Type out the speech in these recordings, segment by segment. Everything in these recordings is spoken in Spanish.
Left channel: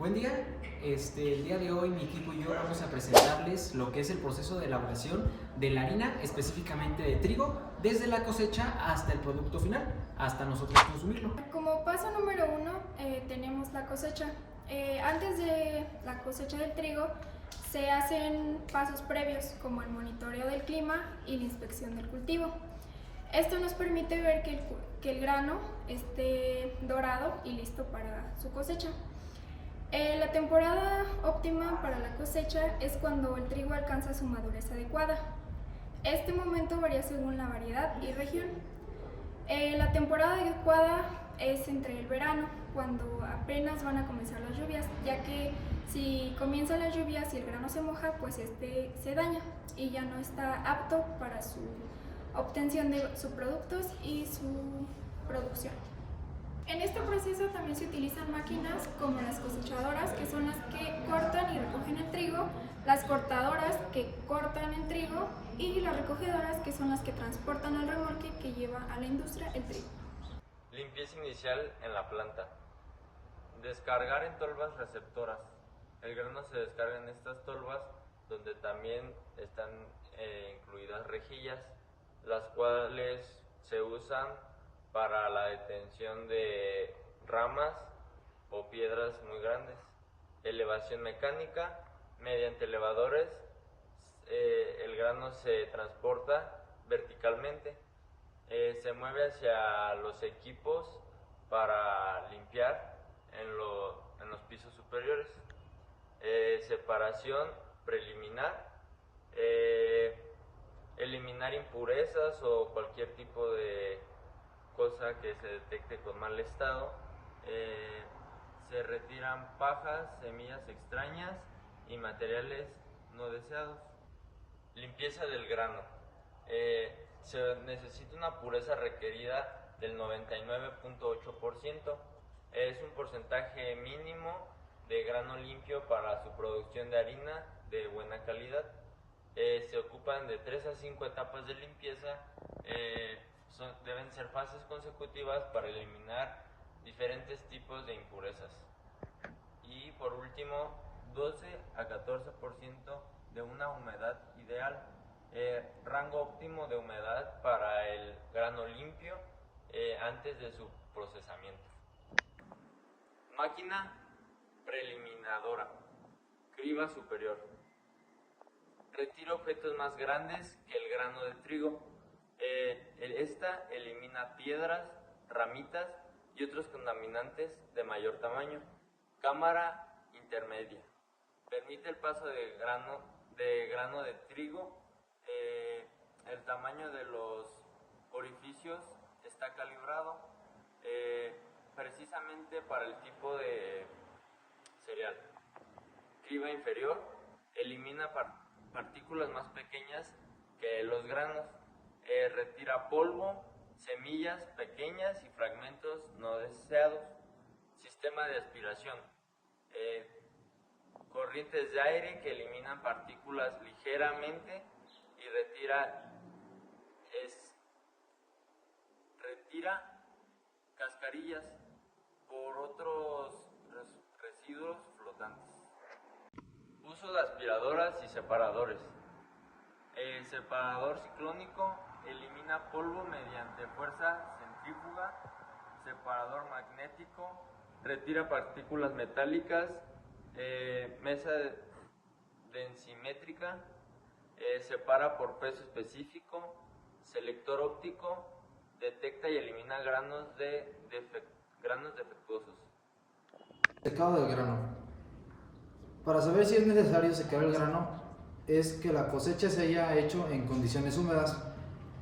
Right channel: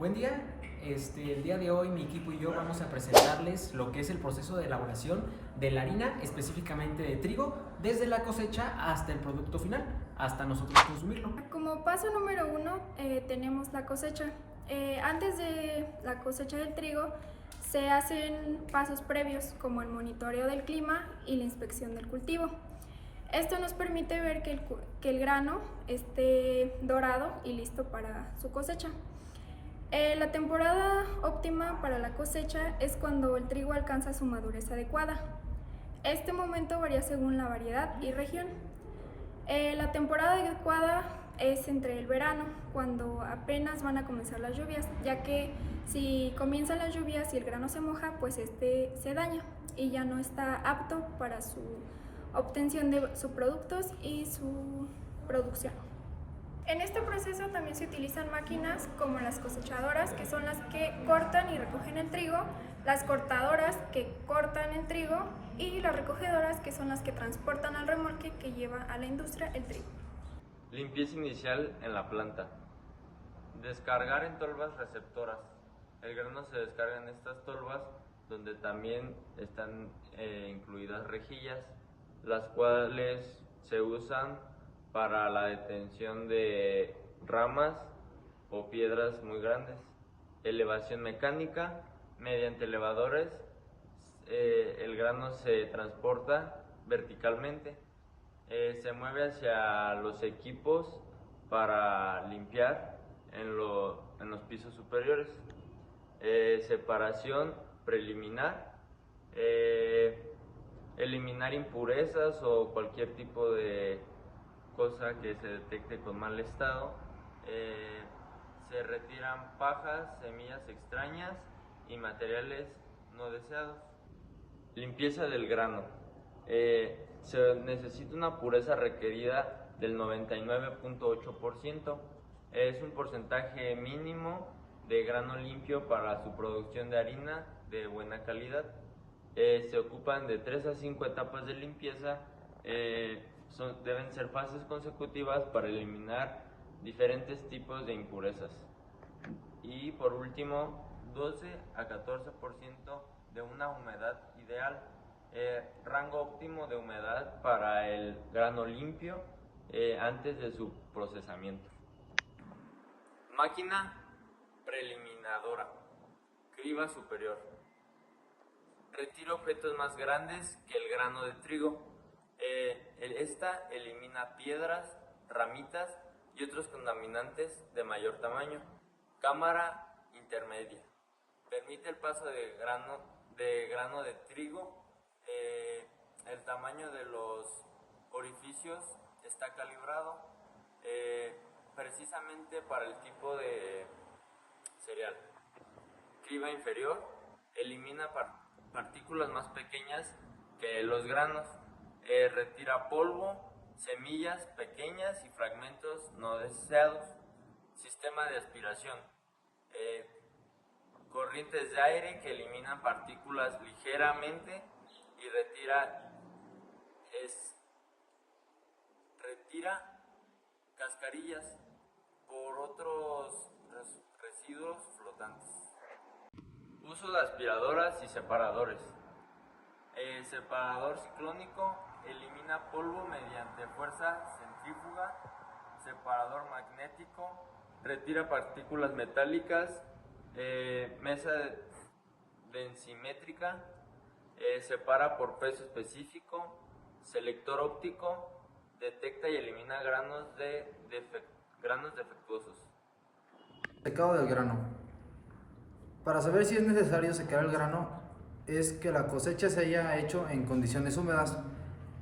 Buen día, el día de hoy mi equipo y yo vamos a presentarles lo que es el proceso de elaboración de la harina, específicamente de trigo, desde la cosecha hasta el producto final, hasta nosotros consumirlo. Como paso número 1 tenemos la cosecha. Antes de la cosecha del trigo se hacen pasos previos como el monitoreo del clima y la inspección del cultivo. Esto nos permite ver que el grano esté dorado y listo para su cosecha. La temporada óptima para la cosecha es cuando el trigo alcanza su madurez adecuada. Este momento varía según la variedad y región. La temporada adecuada es entre el verano, cuando apenas van a comenzar las lluvias, ya que si comienzan las lluvias y el grano se moja, pues este se daña y ya no está apto para su obtención de sus productos y su producción. En este proceso también se utilizan máquinas como las cosechadoras, que son las que cortan y recogen el trigo, las cortadoras que cortan el trigo y las recogedoras, que son las que transportan al remolque que lleva a la industria el trigo. Limpieza inicial en la planta. Descargar en tolvas receptoras. El grano se descarga en estas tolvas, donde también están incluidas rejillas, las cuales se usan para la detención de ramas o piedras muy grandes. Elevación mecánica. Mediante elevadores el grano se transporta verticalmente. Se mueve hacia los equipos para limpiar en los pisos superiores. Separación preliminar. Eliminar impurezas o cualquier tipo de cosa que se detecte con mal estado. Se retiran pajas, semillas extrañas y materiales no deseados. Limpieza del grano. Se necesita una pureza requerida del 99.8%. Es un porcentaje mínimo de grano limpio para su producción de harina de buena calidad. Se ocupan de 3 a 5 etapas de limpieza. Deben ser fases consecutivas para eliminar diferentes tipos de impurezas. Y por último, 12 a 14% de una humedad ideal. Rango óptimo de humedad para el grano limpio antes de su procesamiento. Máquina preliminadora. Criba superior. Retira objetos más grandes que el grano de trigo. Esta elimina piedras, ramitas y otros contaminantes de mayor tamaño. Cámara intermedia. Permite el paso de grano de trigo. El tamaño de los orificios está calibrado precisamente para el tipo de cereal. Criba inferior. Elimina partículas más pequeñas que los granos. Retira polvo, semillas pequeñas y fragmentos no deseados. Sistema de aspiración. Corrientes de aire que eliminan partículas ligeramente y retira cascarillas por otros residuos flotantes. Uso de aspiradoras y separadores. El separador ciclónico elimina polvo mediante fuerza centrífuga. Separador magnético retira partículas metálicas. Mesa densimétrica separa por peso específico. Selector óptico detecta y elimina granos defectuosos. Secado del grano. Para saber si es necesario secar el grano, es que la cosecha se haya hecho en condiciones húmedas,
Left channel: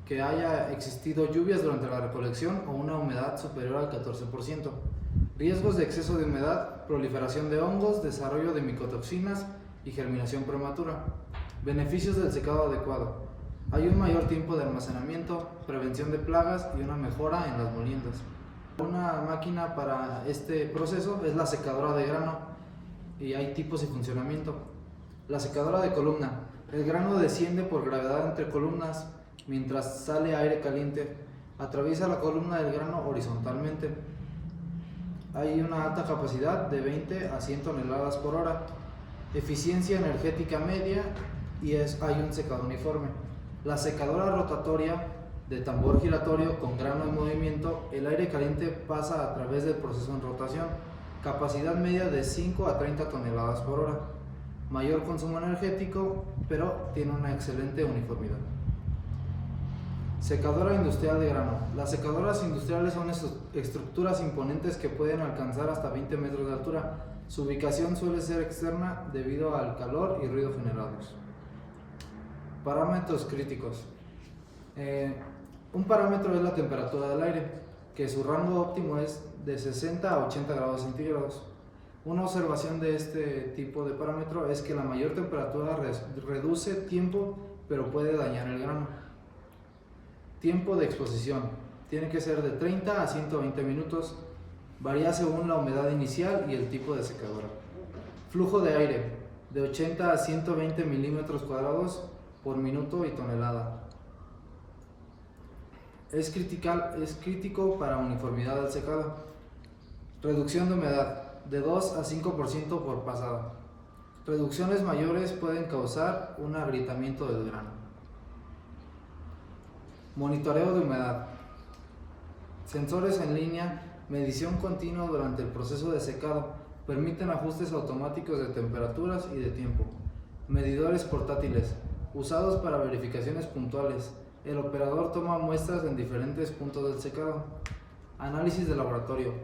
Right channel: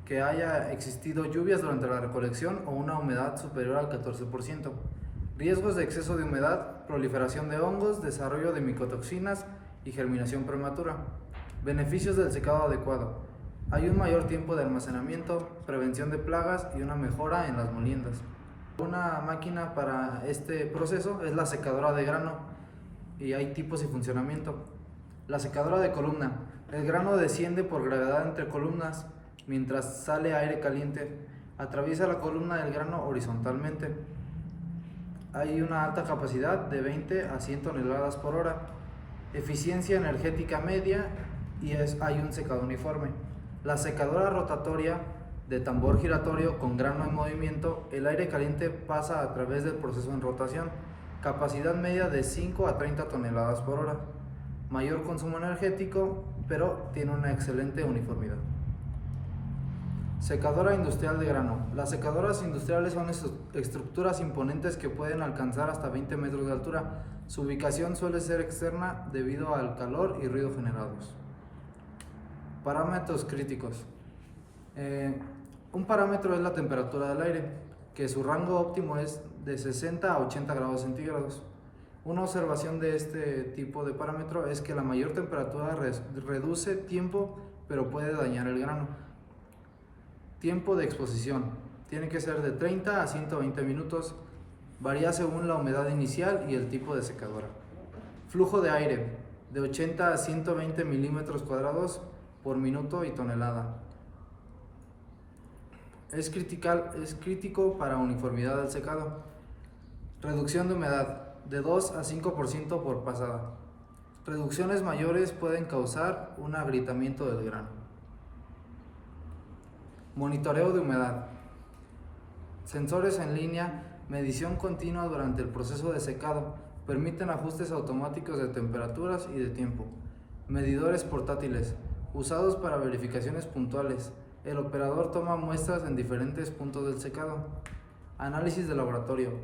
que haya existido lluvias durante la recolección o una humedad superior al 14%. Riesgos de exceso de humedad, proliferación de hongos, desarrollo de micotoxinas y germinación prematura. Beneficios del secado adecuado. Hay un mayor tiempo de almacenamiento, prevención de plagas y una mejora en las moliendas. Una máquina para este proceso es la secadora de grano y hay tipos y funcionamiento. La secadora de columna. El grano desciende por gravedad entre columnas mientras sale aire caliente. Atraviesa la columna del grano horizontalmente. Hay una alta capacidad de 20 a 100 toneladas por hora, eficiencia energética media y hay un secador uniforme. La secadora rotatoria de tambor giratorio con grano en movimiento, el aire caliente pasa a través del proceso en rotación, capacidad media de 5 a 30 toneladas por hora, mayor consumo energético, pero tiene una excelente uniformidad. Secadora industrial de grano. Las secadoras industriales son estructuras imponentes que pueden alcanzar hasta 20 metros de altura. Su ubicación suele ser externa debido al calor y ruido generados. Parámetros críticos. Un parámetro es la temperatura del aire, que su rango óptimo es de 60 a 80 grados centígrados. Una observación de este tipo de parámetro es que la mayor temperatura reduce tiempo, pero puede dañar el grano. Tiempo de exposición. Tiene que ser de 30 a 120 minutos. Varía según la humedad inicial y el tipo de secadora. Flujo de aire. De 80 a 120 milímetros cuadrados por minuto y tonelada. Es crítico para uniformidad del secado. Reducción de humedad. De 2 a 5% por pasada. Reducciones mayores pueden causar un agrietamiento del grano. Monitoreo de humedad. Sensores en línea, medición continua durante el proceso de secado, permiten ajustes automáticos de temperaturas y de tiempo. Medidores portátiles, usados para verificaciones puntuales. El operador toma muestras en diferentes puntos del secado. Análisis de laboratorio.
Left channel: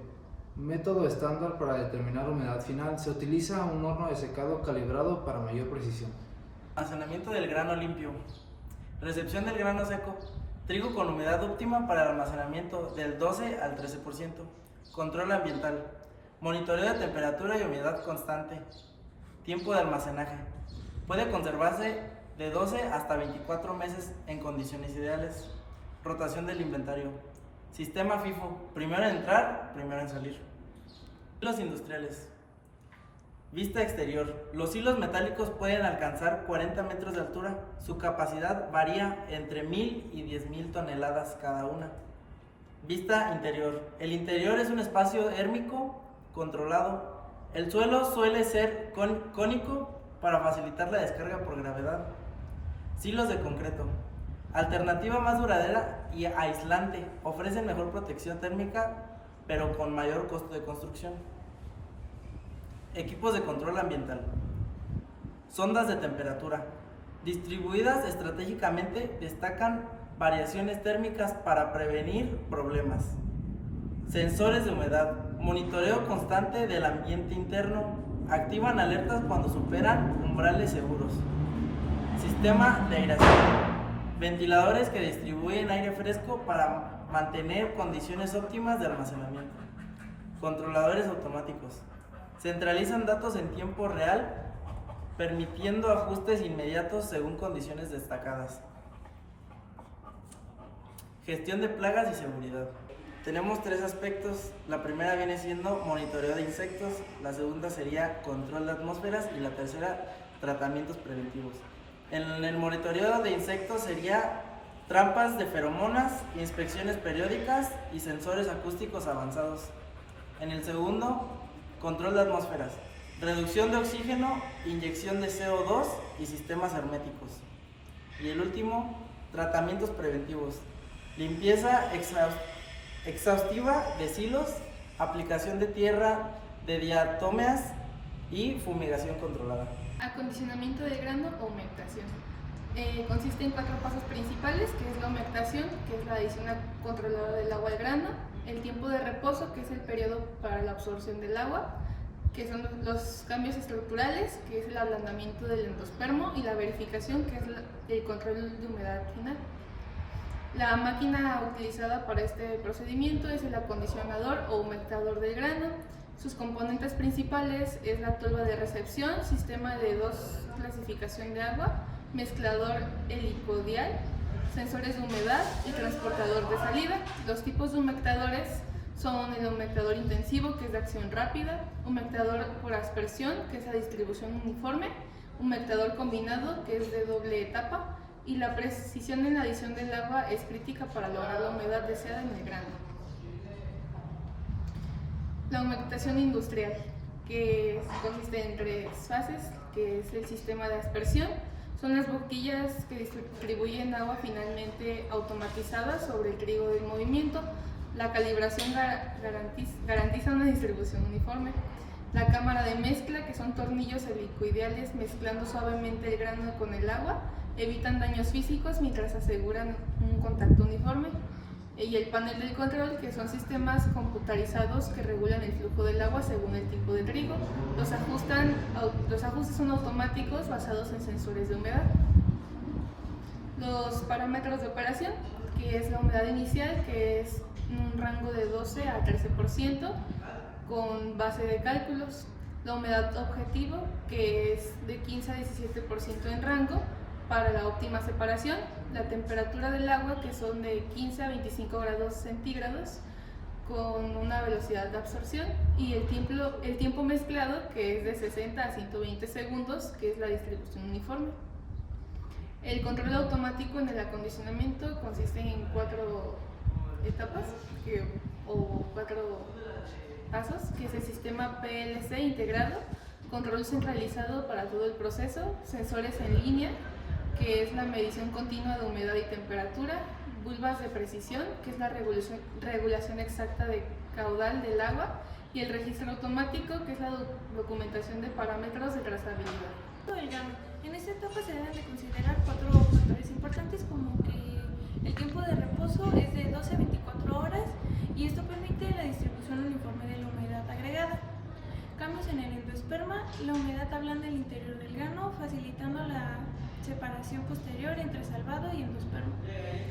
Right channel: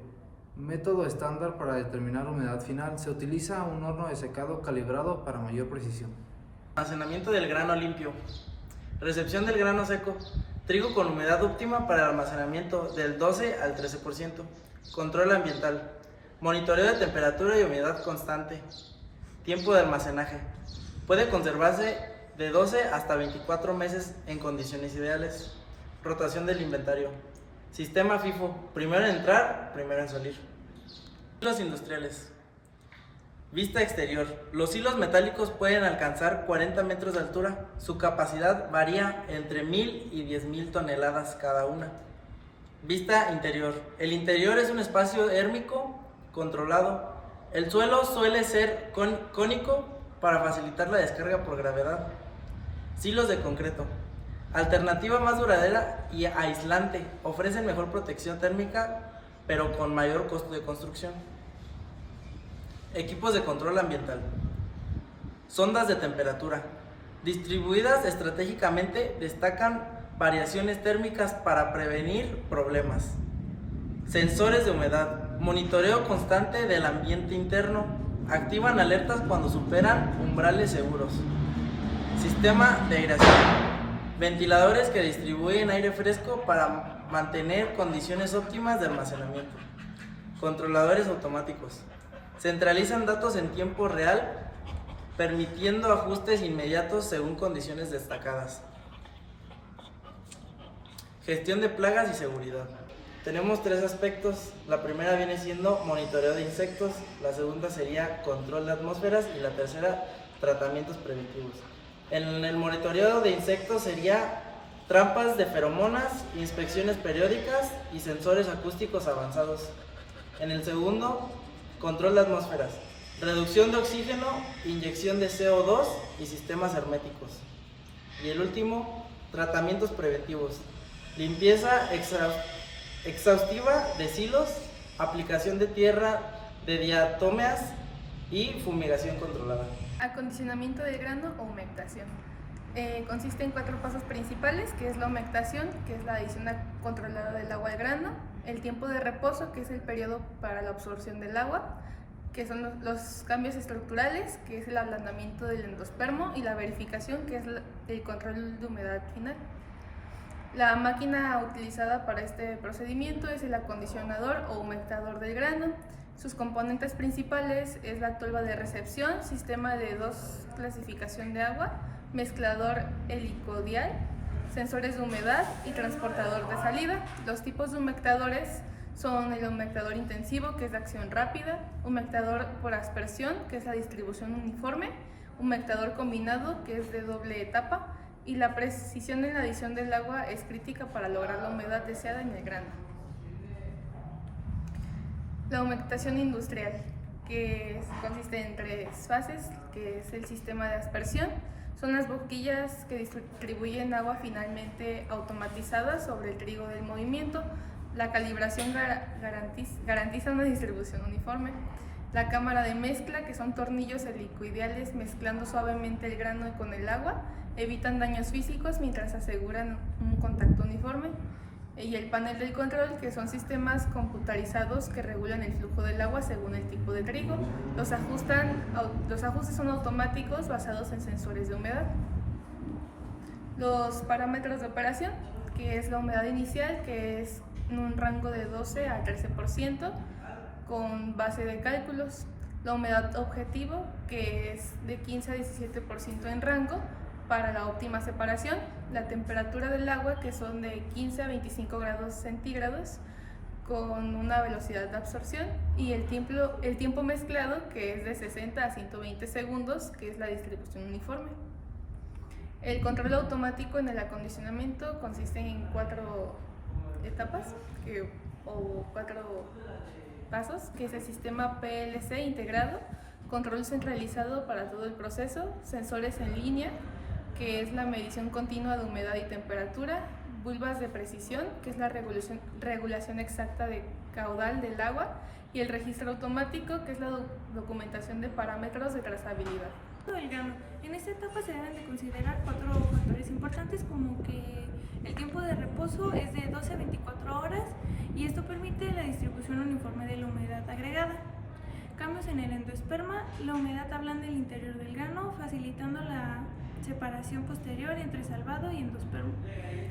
Método estándar para determinar humedad final. Se utiliza un horno de secado calibrado para mayor precisión. Almacenamiento del grano limpio. Recepción del grano seco. Trigo con humedad óptima para almacenamiento del 12 al 13%. Control ambiental. Monitoreo de temperatura y humedad constante. Tiempo de almacenaje. Puede conservarse de 12 hasta 24 meses en condiciones ideales. Rotación del inventario. Sistema FIFO. Primero en entrar, primero en salir. Hilos industriales. Vista exterior. Los hilos metálicos pueden alcanzar 40 metros de altura. Su capacidad varía entre 1000 y 10.000 toneladas cada una. Vista interior. El interior es un espacio térmico controlado. El suelo suele ser cónico para facilitar la descarga por gravedad. Silos de concreto. Alternativa más duradera y aislante. Ofrecen mejor protección térmica, pero con mayor costo de construcción. Equipos de control ambiental. Sondas de temperatura. Distribuidas estratégicamente, destacan variaciones térmicas para prevenir problemas. Sensores de humedad. Monitoreo constante del ambiente interno. Activan alertas cuando superan umbrales seguros. Sistema de aireación. Ventiladores que distribuyen aire fresco para mantener condiciones óptimas de almacenamiento. Controladores automáticos. Centralizan datos en tiempo real, permitiendo ajustes inmediatos según condiciones destacadas. Gestión de plagas y seguridad. Tenemos tres aspectos. La primera viene siendo monitoreo de insectos, la segunda sería control de atmósferas y la tercera tratamientos preventivos. En el monitoreo de insectos sería trampas de feromonas, inspecciones periódicas y sensores acústicos avanzados. En el segundo, control de atmósferas, reducción de oxígeno, inyección de CO2 y sistemas herméticos. Y el último, tratamientos preventivos, limpieza exhaustiva de silos, aplicación de tierra de diatomeas y fumigación controlada. Acondicionamiento del grano o humectación. Consiste en 4 pasos principales, que es la humectación, que es la adición controlada del agua al grano, el tiempo de reposo, que es el periodo para la absorción del agua, que son los cambios estructurales, que es el ablandamiento del endospermo, y la verificación, que es el control de humedad final. La máquina utilizada para este procedimiento es el acondicionador o humectador del grano. Sus componentes principales es la tolva de recepción, sistema de 2 clasificación de agua, mezclador helicodial, sensores de humedad y transportador de salida. Los tipos de humectadores son el humectador intensivo, que es de acción rápida, humectador por aspersión, que es la distribución uniforme, humectador combinado, que es de doble etapa, y la precisión en la adición del agua es crítica para lograr la humedad deseada en el grano. La humectación industrial, que consiste en 3 fases, que es el sistema de aspersión. Son las boquillas que distribuyen agua finalmente automatizadas sobre el trigo del movimiento. La calibración garantiza una distribución uniforme. La cámara de mezcla, que son tornillos helicoidales mezclando suavemente el grano con el agua, evitan daños físicos mientras aseguran un contacto uniforme. Y el panel del control, que son sistemas computarizados que regulan el flujo del agua según el tipo de trigo. Los ajustes son automáticos basados en sensores de humedad. Los parámetros de operación, que es la humedad inicial, que es en un rango de 12 a 13%, con base de cálculos. La humedad objetivo, que es de 15 a 17% en rango, para la óptima separación. La temperatura del agua, que son de 15 a 25 grados centígrados, con una velocidad de absorción. Y el tiempo mezclado, que es de 60 a 120 segundos, que es la distribución uniforme. El control automático en el acondicionamiento consiste en 4 etapas o 4 pasos, que es el sistema PLC integrado, control centralizado para todo el proceso, sensores en línea, que es la medición continua de humedad y temperatura, bulbas de precisión, que es la regulación exacta de caudal del agua, y el registro automático, que es la documentación de parámetros de trazabilidad. El grano. En esta etapa se deben de considerar 4 factores importantes, como que el tiempo de reposo es de 12 a 24 horas y esto permite la distribución uniforme de la humedad agregada. Cambios en el endosperma, la humedad ablanda el interior del grano, facilitando la separación posterior entre salvado y endospermo.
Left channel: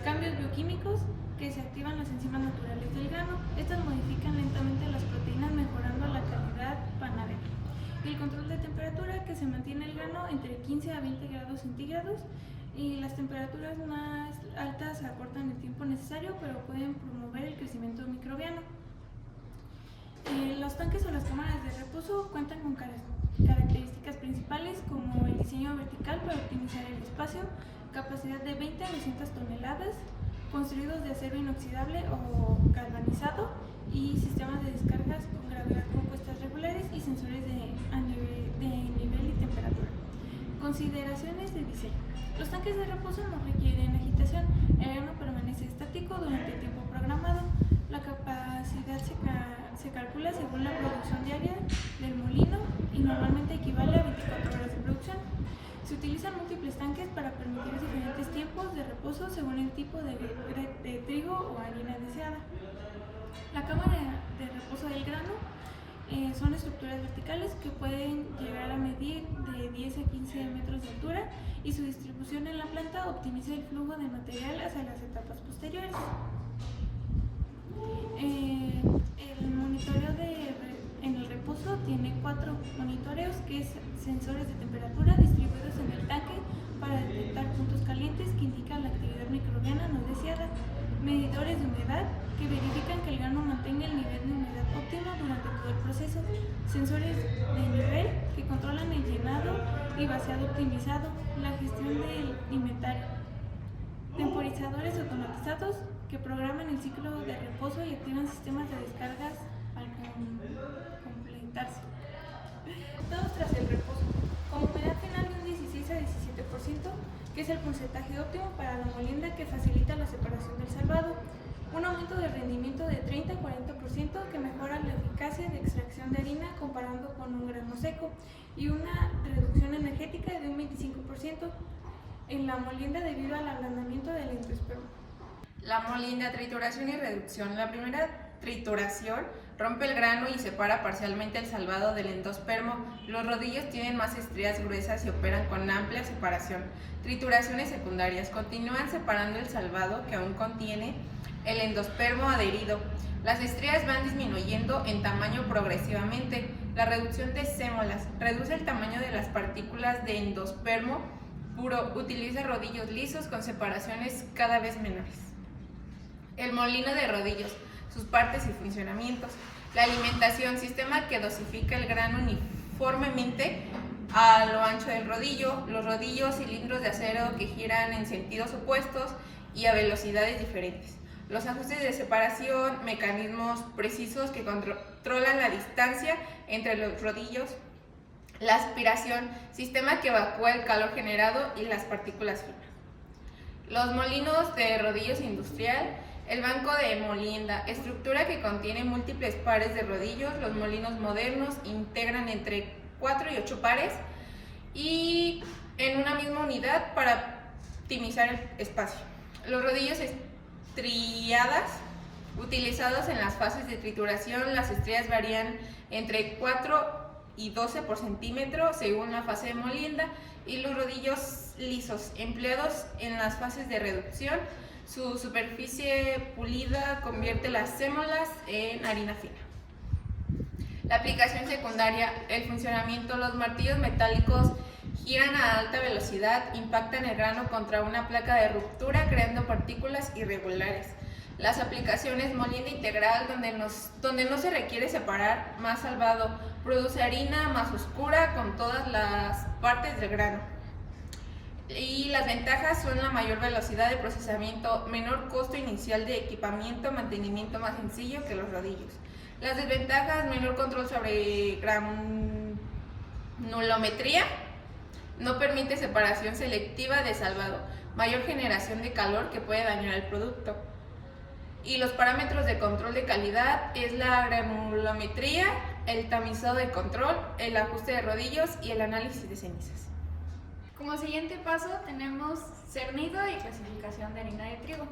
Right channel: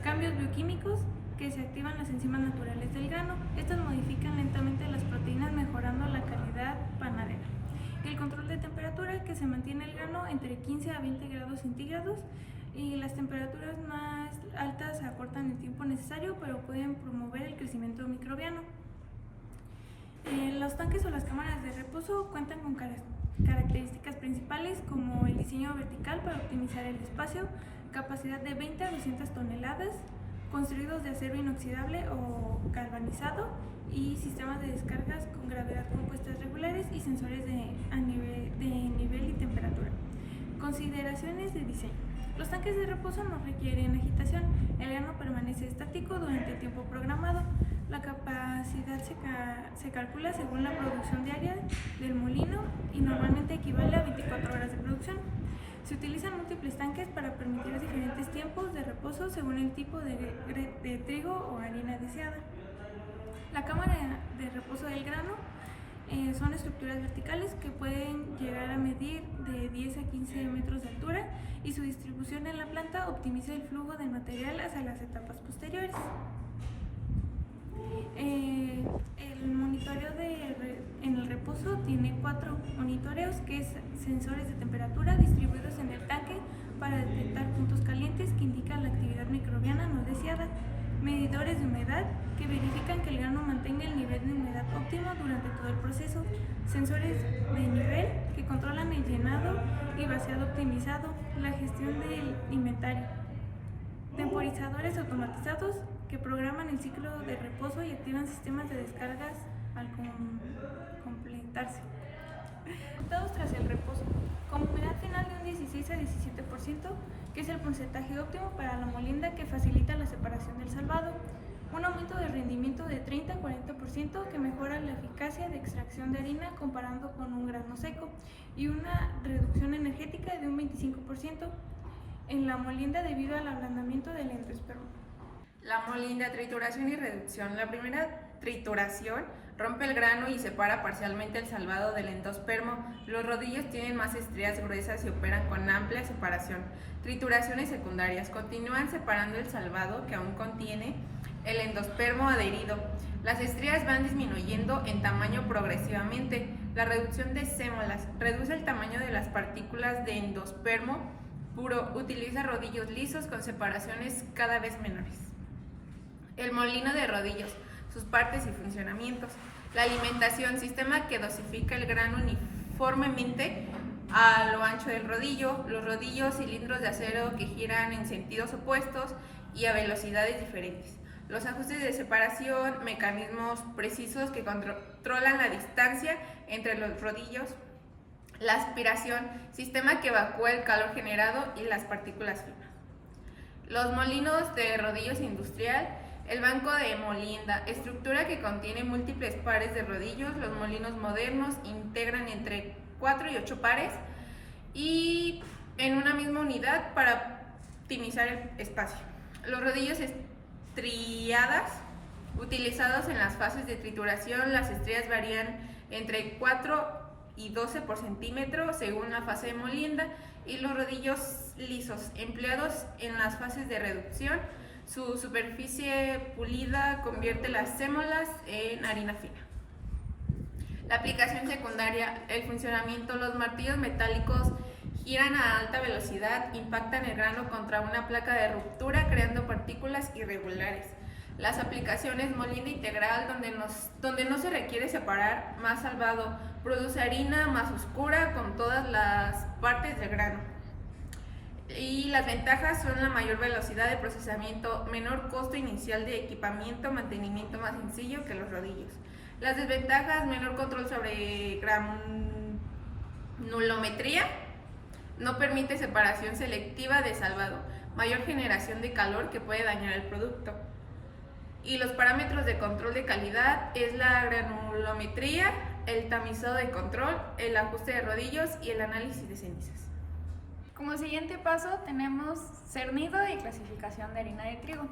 Cambios bioquímicos, que se activan las enzimas naturales del grano. Estas modifican lentamente las proteínas, mejorando la calidad panadera. El control de temperatura, que se mantiene el grano entre 15 a 20 grados centígrados, y las temperaturas más altas acortan el tiempo necesario, pero pueden promover el crecimiento microbiano. Los tanques o las cámaras de reposo cuentan con características principales como el diseño vertical para optimizar el espacio, capacidad de 20 a 200 toneladas, construidos de acero inoxidable o galvanizado, y sistemas de descargas con gravedad compuestas regulares y sensores de nivel y temperatura. Consideraciones de diseño. Los tanques de reposo no requieren agitación, el grano permanece estático durante el tiempo programado. La capacidad se calcula según la producción diaria del molino y normalmente equivale a 24 horas de producción. Se utilizan múltiples tanques para permitir diferentes tiempos de reposo según el tipo de trigo o harina deseada. La cámara de reposo del grano son estructuras verticales que pueden llegar a medir de 10 a 15 metros de altura, y su distribución en la planta optimiza el flujo de material hacia las etapas posteriores. El monitoreo en el reposo tiene 4 monitoreos, que es sensores de temperatura distribuidos en el tanque para detectar puntos calientes que indican la actividad microbiana no deseada, medidores de humedad que verifican que el grano mantenga el nivel de humedad óptimo durante todo el proceso, sensores de nivel que controlan el llenado y vaciado optimizado, la gestión del inventario, temporizadores automatizados que programan el ciclo de reposo y activan sistemas de descargas al completarse. Resultados tras el reposo, con humedad final de un 16 a 17%, que es el porcentaje óptimo para la molienda, que facilita la separación del salvado, un aumento de rendimiento de 30 a 40% que mejora la eficacia de extracción de harina comparando con un grano seco, y una reducción energética de un 25% en la molienda debido al ablandamiento del endospermo. La molienda, trituración y reducción. La primera trituración rompe el grano y separa parcialmente el salvado del endospermo. Los rodillos tienen más estrías gruesas y operan con amplia separación. Trituraciones secundarias. Continúan separando el salvado, que aún contiene el endospermo adherido. Las estrías van disminuyendo en tamaño progresivamente. La reducción de sémolas. Reduce el tamaño de las partículas de endospermo puro. Utiliza rodillos lisos con separaciones cada vez menores. El molino de rodillos, sus partes y funcionamientos. La alimentación, sistema que dosifica el grano uniformemente a lo ancho del rodillo. Los rodillos, cilindros de acero que giran en sentidos opuestos y a velocidades diferentes. Los ajustes de separación, mecanismos precisos que controlan la distancia entre los rodillos, la aspiración, sistema que evacúa el calor generado y las partículas finas. Los molinos de rodillos industrial, el banco de molinda, estructura que contiene múltiples pares de rodillos. Los molinos modernos integran entre 4 y 8 pares y en una misma unidad para optimizar el espacio. Los rodillos estriadas, utilizados en las fases de trituración, las estrías varían entre 4 y 12 por centímetro según la fase de molinda, y los rodillos lisos, empleados en las fases de reducción. Su superficie pulida convierte las sémolas en harina fina. La aplicación secundaria, el funcionamiento. Los martillos metálicos giran a alta velocidad, impactan el grano contra una placa de ruptura creando partículas irregulares. Las aplicaciones: molino integral, donde no se requiere separar, más salvado, produce harina más oscura con todas las partes del grano. Y las ventajas son la mayor velocidad de procesamiento, menor costo inicial de equipamiento, mantenimiento más sencillo que los rodillos. Las desventajas: menor control sobre granulometría, no permite separación selectiva de salvado, mayor generación de calor que puede dañar el producto. Y los parámetros de control de calidad es la granulometría, el tamizado de control, el ajuste de rodillos y el análisis de cenizas. Como siguiente paso tenemos cernido y clasificación de harina de trigo.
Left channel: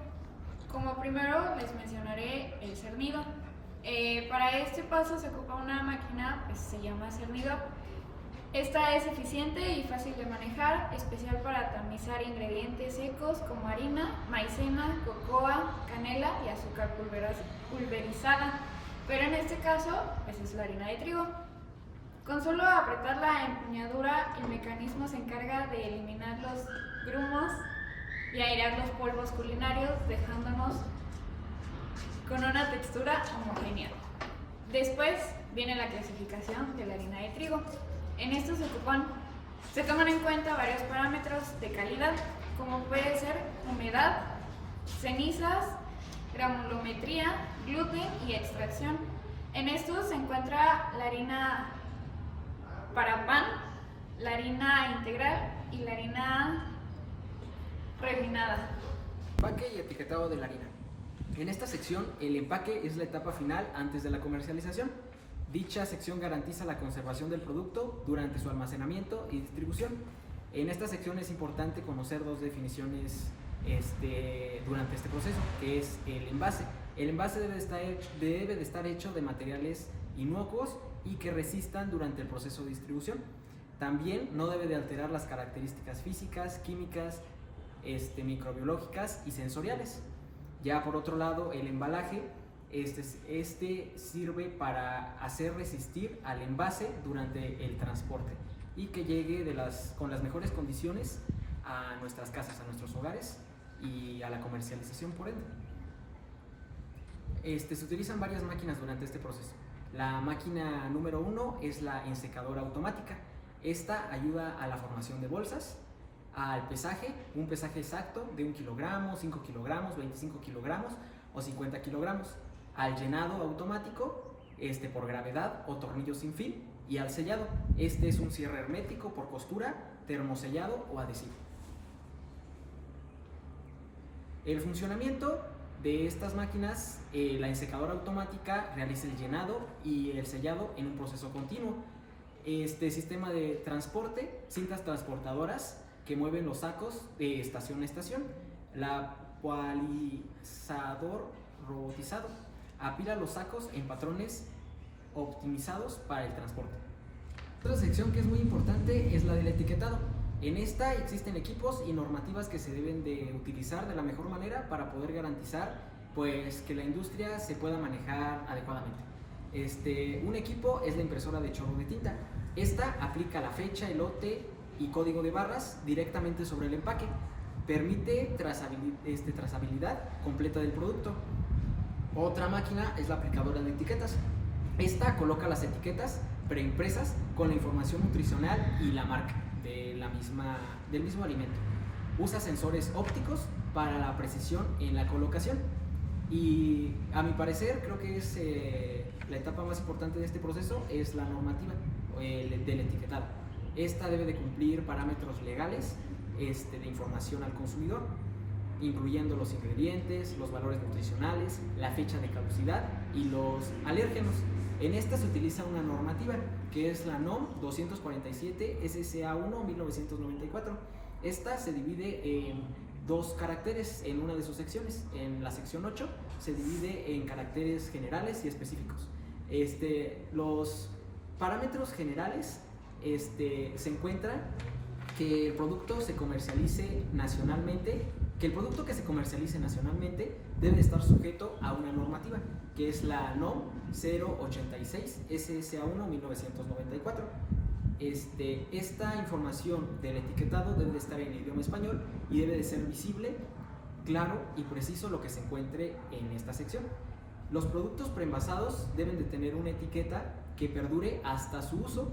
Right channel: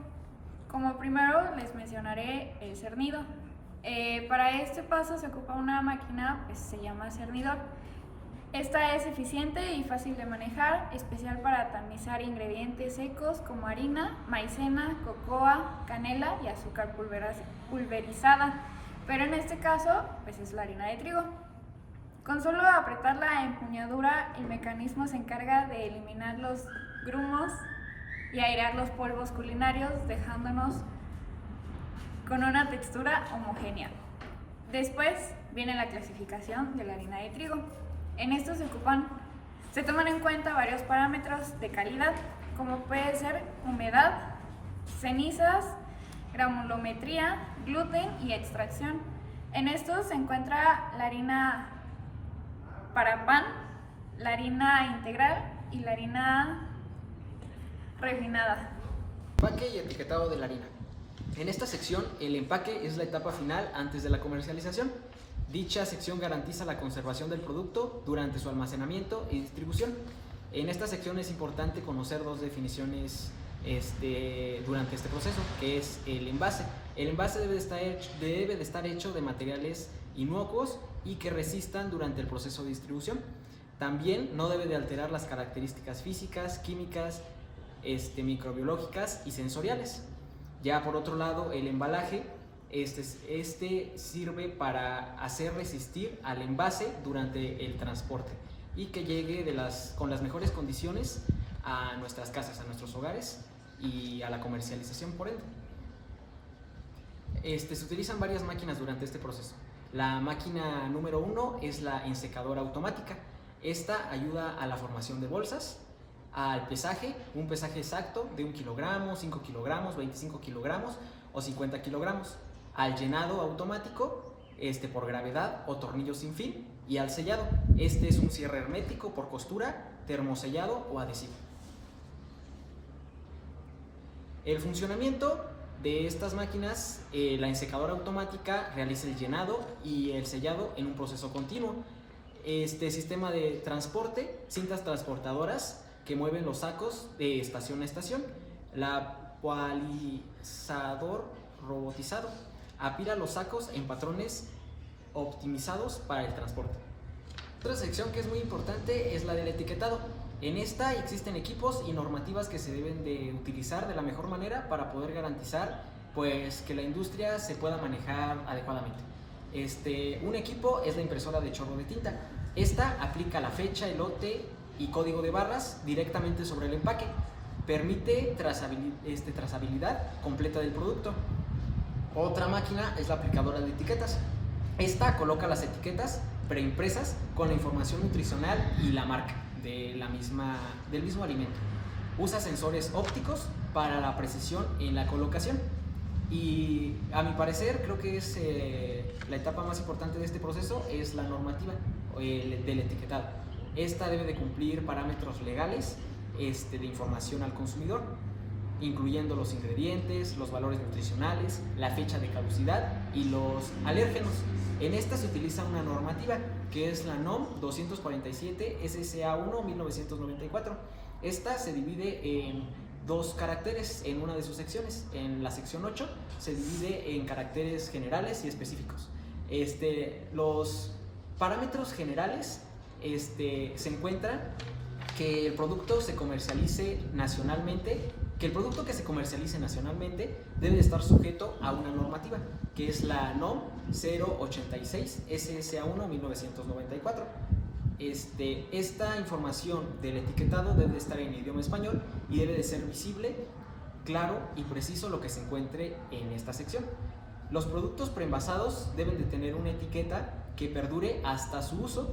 Como primero les mencionaré el cernido. Para este paso se ocupa una máquina, pues se llama cernidor. Esta es eficiente y fácil de manejar, especial para tamizar ingredientes secos como harina, maicena, cocoa, canela y azúcar pulverizada, pero en este caso pues es la harina de trigo. Con solo apretar la empuñadura, el mecanismo se encarga de eliminar los grumos y airear los polvos culinarios, dejándonos con una textura homogénea. Después viene la clasificación de la harina de trigo. En esto se toman en cuenta varios parámetros de calidad, como puede ser humedad, cenizas, granulometría, gluten y extracción. En estos se encuentra la harina para pan, la harina integral y la harina refinada. Empaque y etiquetado de la harina. En esta sección, el empaque es la etapa final antes de la comercialización. Dicha sección garantiza la conservación del producto durante su almacenamiento y distribución. En esta sección es importante conocer dos definiciones durante este proceso, que es el envase. El envase debe de estar hecho de materiales inocuos y que resistan durante el proceso de distribución. También no debe de alterar las características físicas, químicas, microbiológicas y sensoriales. Ya por otro lado, el embalaje sirve para hacer resistir al envase durante el transporte y que llegue con las mejores condiciones a nuestras casas, a nuestros hogares y a la comercialización por ende. Se utilizan varias máquinas durante este proceso. La máquina número 1 es la ensecadora automática. Esta ayuda a la formación de bolsas, al pesaje, un pesaje exacto de 1 kilogramo, 5 kilogramos, 25 kilogramos o 50 kilogramos, al llenado automático por gravedad o tornillo sin fin, y al sellado. Este es un cierre hermético por costura, termosellado o adhesivo. El funcionamiento de estas máquinas: la ensecadora automática realiza el llenado y el sellado en un proceso continuo. Sistema de transporte: cintas transportadoras que mueven los sacos de estación a estación. La palizador robotizado apila los sacos en patrones optimizados para el transporte. Otra sección que es muy importante es la del etiquetado. En esta existen equipos y normativas que se deben de utilizar de la mejor manera para poder garantizar que la industria se pueda manejar adecuadamente. Un equipo es la impresora de chorro de tinta. Esta aplica la fecha, el lote y código de barras directamente sobre el empaque. Permite trazabilidad completa del producto. Otra máquina es la aplicadora de etiquetas. Esta coloca las etiquetas preimpresas con la información nutricional y la marca del mismo alimento. Usa sensores ópticos para la precisión en la colocación. Y a mi parecer creo que es la etapa más importante de este proceso es la normativa del etiquetado. Esta debe de cumplir parámetros legales de información al consumidor, incluyendo los ingredientes, los valores nutricionales, la fecha de caducidad y los alérgenos. En esta se utiliza una normativa que es la NOM 247 SSA1 1994. Esta se divide en dos caracteres en una de sus secciones. En la sección 8 se divide en caracteres generales y específicos. Los parámetros generales se encuentran que el producto se comercialice nacionalmente, que el producto que se comercialice nacionalmente debe estar sujeto a una normativa, que es la NOM 086 SSA1 1994. Esta información del etiquetado debe de estar en idioma español y debe de ser visible, claro y preciso lo que se encuentre en esta sección. Los productos preenvasados deben de tener una etiqueta que perdure hasta su uso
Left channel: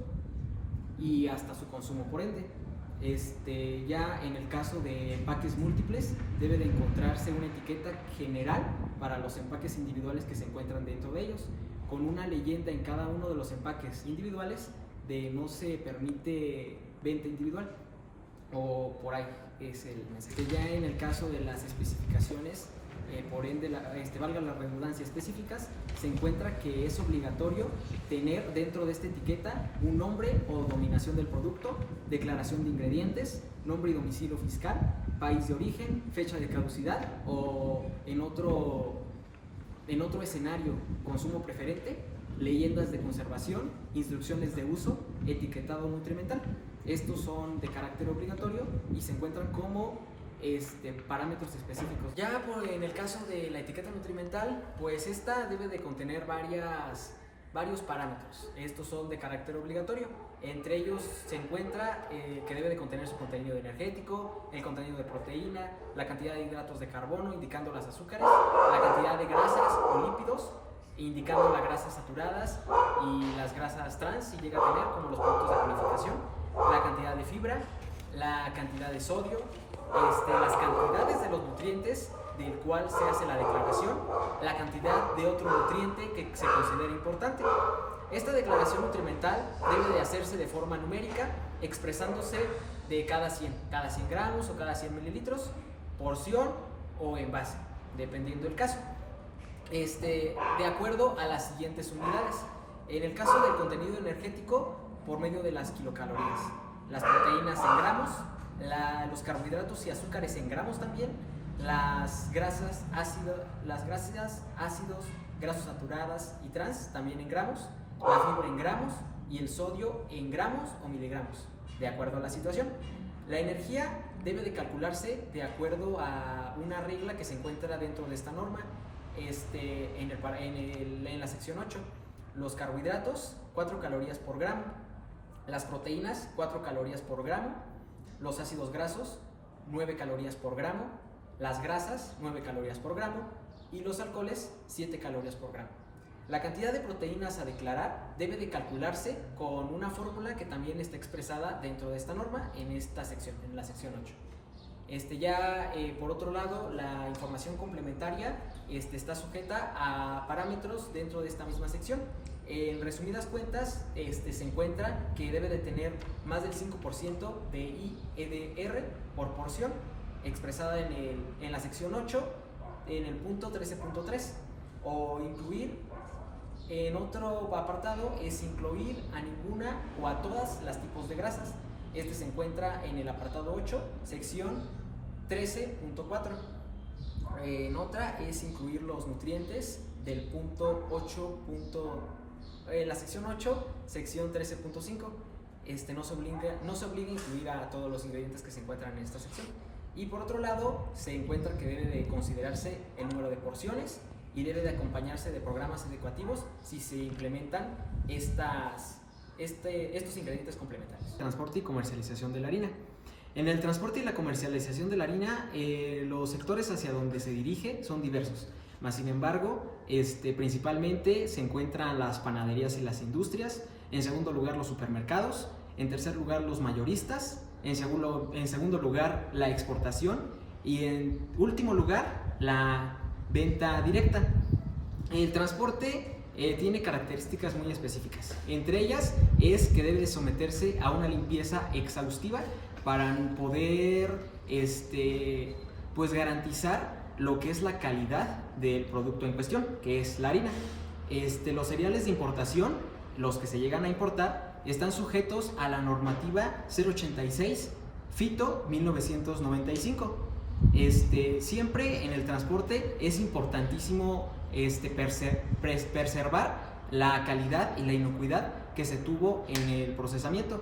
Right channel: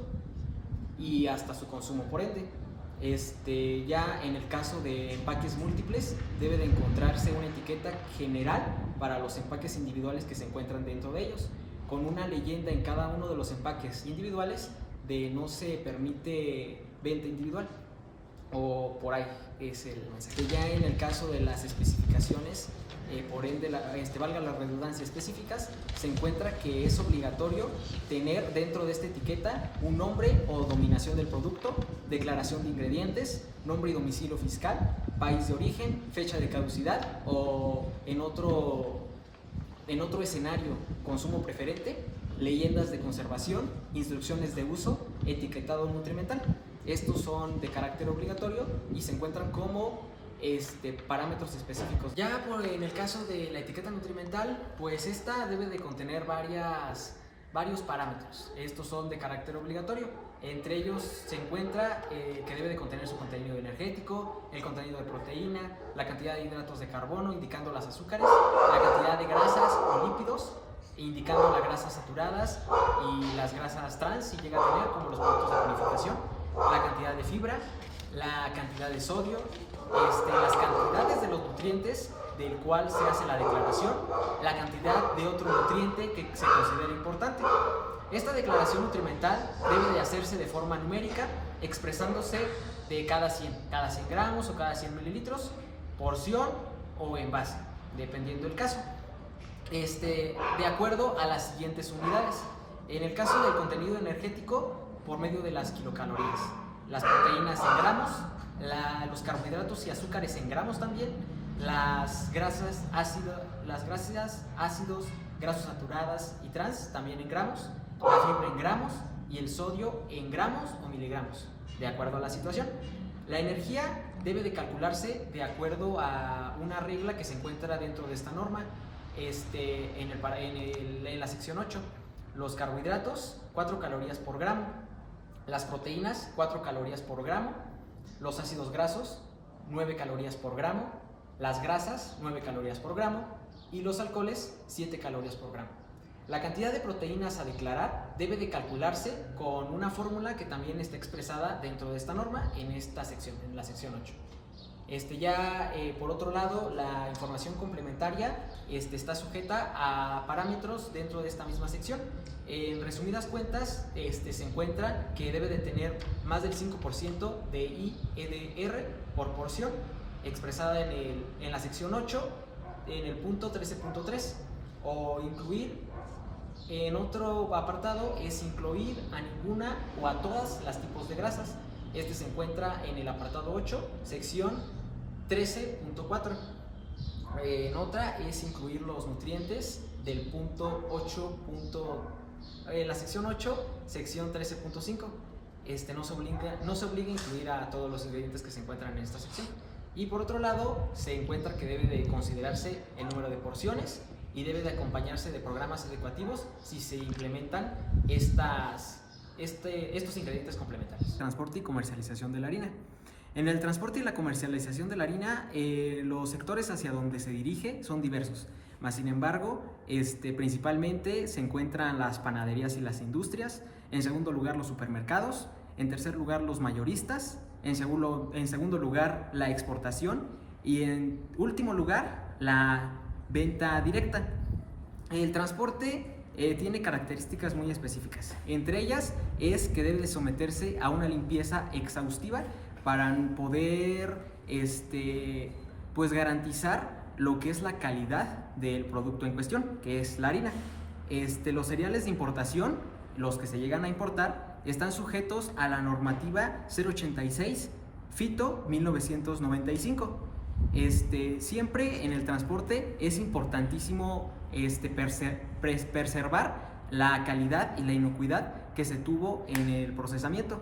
y hasta su consumo por ende. Ya en el caso de empaques múltiples debe de encontrarse una etiqueta general para los empaques individuales que se encuentran dentro de ellos, con una leyenda en cada uno de los empaques individuales de no se permite venta individual, o por ahí es el mensaje. Ya en el caso de las especificaciones, por ende, valga la redundancia, específicas, se encuentra que es obligatorio tener dentro de esta etiqueta un nombre o dominación del producto, declaración de ingredientes, nombre y domicilio fiscal, país de origen, fecha de caducidad o en otro escenario, consumo preferente, leyendas de conservación, instrucciones de uso, etiquetado nutrimental. Estos son de carácter obligatorio y se encuentran como parámetros específicos. Ya en el caso de la etiqueta nutrimental, pues esta debe de contener varios parámetros. Estos son de carácter obligatorio. Entre ellos se encuentra que debe de contener su contenido energético, el contenido de proteína, la cantidad de hidratos de carbono, indicando las azúcares, la cantidad de grasas o lípidos, indicando las grasas saturadas y las grasas trans, si llega a tener, como los productos de purificación, la cantidad de fibra, la cantidad de sodio, las cantidades de los nutrientes del cual se hace la declaración, la cantidad de otro nutriente que se considera importante. Esta declaración nutrimental debe de hacerse de forma numérica, expresándose de cada 100 gramos o cada 100 mililitros, porción o envase, dependiendo del caso. De acuerdo a las siguientes unidades. En el caso del contenido energético, por medio de las kilocalorías, las proteínas en gramos, los carbohidratos y azúcares en gramos también, las grasas ácidos, grasas saturadas y trans también en gramos, la fibra en gramos y el sodio en gramos o miligramos, de acuerdo a la situación. La energía debe de calcularse de acuerdo a una regla que se encuentra dentro de esta norma, en la sección 8. Los carbohidratos, 4 calorías por gramo, las proteínas, 4 calorías por gramo, los ácidos grasos, 9 calorías por gramo, las grasas, 9 calorías por gramo y los alcoholes, 7 calorías por gramo. La cantidad de proteínas a declarar debe de calcularse con una fórmula que también está expresada dentro de esta norma en esta sección, en la sección 8. Por otro lado, la información complementaria está sujeta a parámetros dentro de esta misma sección. En resumidas cuentas, se encuentra que debe de tener más del 5% de IEDR por porción, expresada en la sección 8, en el punto 13.3, o incluir, en otro apartado, es incluir a ninguna o a todas las tipos de grasas. Se encuentra en el apartado 8, sección 13.4. En otra es incluir los nutrientes del punto 8. En la sección 8, sección 13.5. No se obliga a incluir a todos los ingredientes que se encuentran en esta sección. Y por otro lado, se encuentra que debe de considerarse el número de porciones y debe de acompañarse de programas educativos si se implementan estos ingredientes complementarios. Transporte y comercialización de la harina. En el transporte y la comercialización de la harina, los sectores hacia donde se dirige son diversos. Mas, sin embargo, principalmente se encuentran las panaderías y las industrias, en segundo lugar los supermercados, en tercer lugar los mayoristas, en segundo lugar la exportación y en último lugar la venta directa. El transporte tiene características muy específicas. Entre ellas es que debe de someterse a una limpieza exhaustiva para poder pues garantizar lo que es la calidad del producto en cuestión, que es la harina. Los cereales de importación, los que se llegan a importar, están sujetos a la normativa 086 FITO 1995. Siempre en el transporte es importantísimo preservar la calidad y la inocuidad que se tuvo en el procesamiento.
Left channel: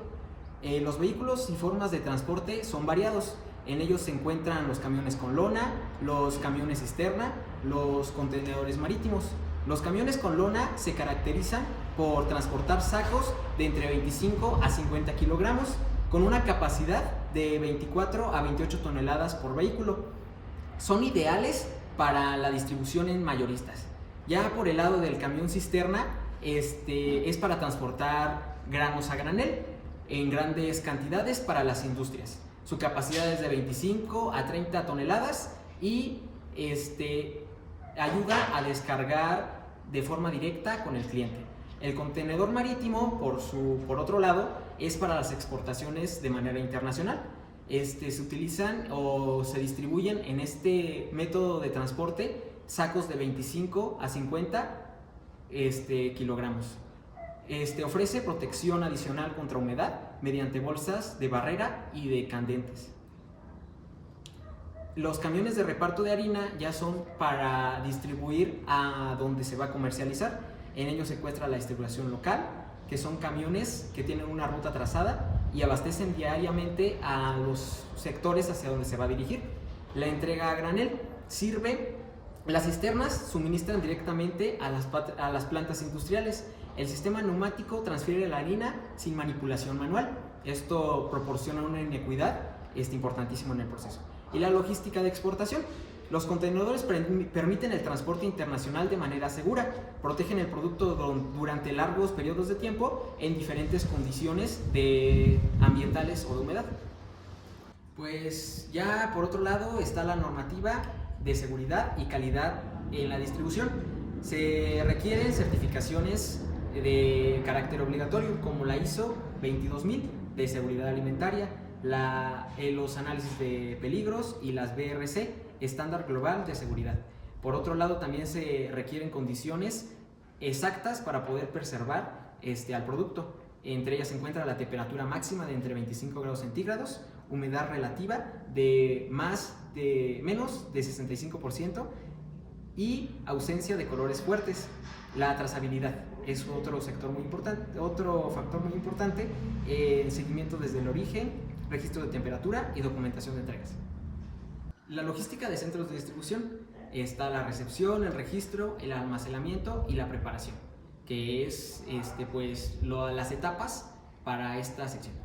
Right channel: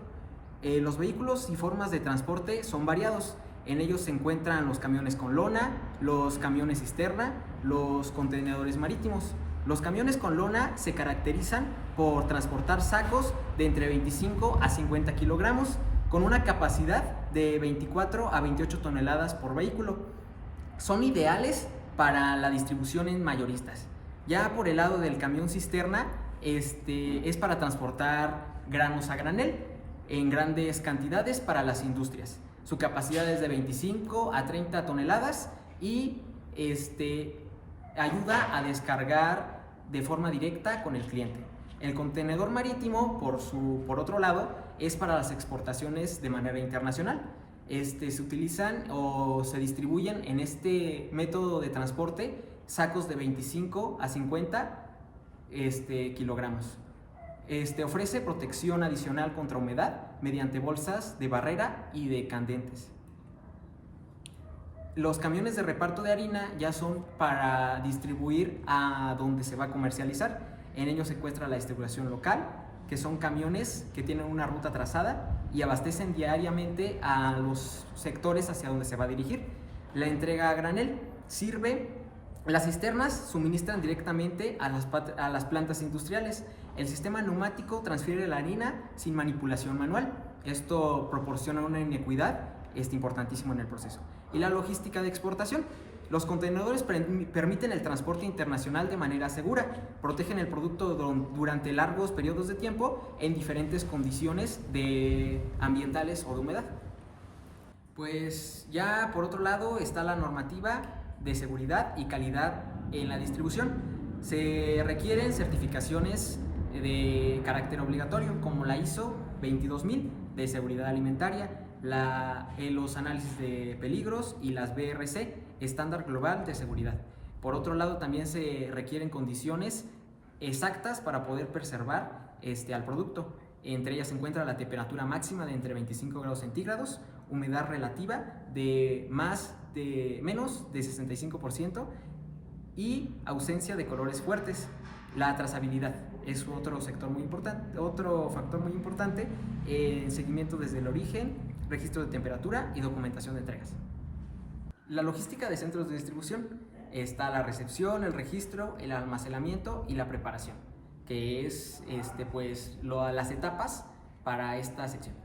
Los vehículos y formas de transporte son variados. En ellos se encuentran los camiones con lona, los camiones cisterna, los contenedores marítimos. Los camiones con lona se caracterizan por transportar sacos de entre 25 a 50 kilogramos con una capacidad de 24 a 28 toneladas por vehículo. Son ideales para la distribución en mayoristas. Ya por el lado del camión cisterna, es para transportar granos a granel en grandes cantidades para las industrias. Su capacidad es de 25 a 30 toneladas y ayuda a descargar de forma directa con el cliente. El contenedor marítimo, por otro lado, es para las exportaciones de manera internacional. Se utilizan o se distribuyen en este método de transporte sacos de 25 a 50 kilogramos. Ofrece protección adicional contra humedad mediante bolsas de barrera y de candentes. Los camiones de reparto de harina ya son para distribuir a donde se va a comercializar. En ellos se encuentra la distribución local, que son camiones que tienen una ruta trazada y abastecen diariamente a los sectores hacia donde se va a dirigir. La entrega a granel las cisternas suministran directamente a las plantas industriales. El sistema neumático transfiere la harina sin manipulación manual. Esto proporciona una inequidad importantísimo en el proceso. Y la logística de exportación. Los contenedores permiten el transporte internacional de manera segura, protegen el producto durante largos periodos de tiempo en diferentes condiciones ambientales o de humedad. Pues ya por otro lado está la normativa de seguridad y calidad en la distribución. Se requieren certificaciones de carácter obligatorio como la ISO 22000 de seguridad alimentaria, los análisis de peligros y las BRC, estándar global de seguridad. Por otro lado, también se requieren condiciones exactas para poder preservar al producto. Entre ellas se encuentra la temperatura máxima de entre 25 grados centígrados, humedad relativa de menos de 65% y ausencia de colores fuertes. La trazabilidad es otro factor muy importante, seguimiento desde el origen, registro de temperatura y documentación de entregas. La logística de centros de distribución está la recepción, el registro, el almacenamiento y la preparación, que es las etapas para esta sección.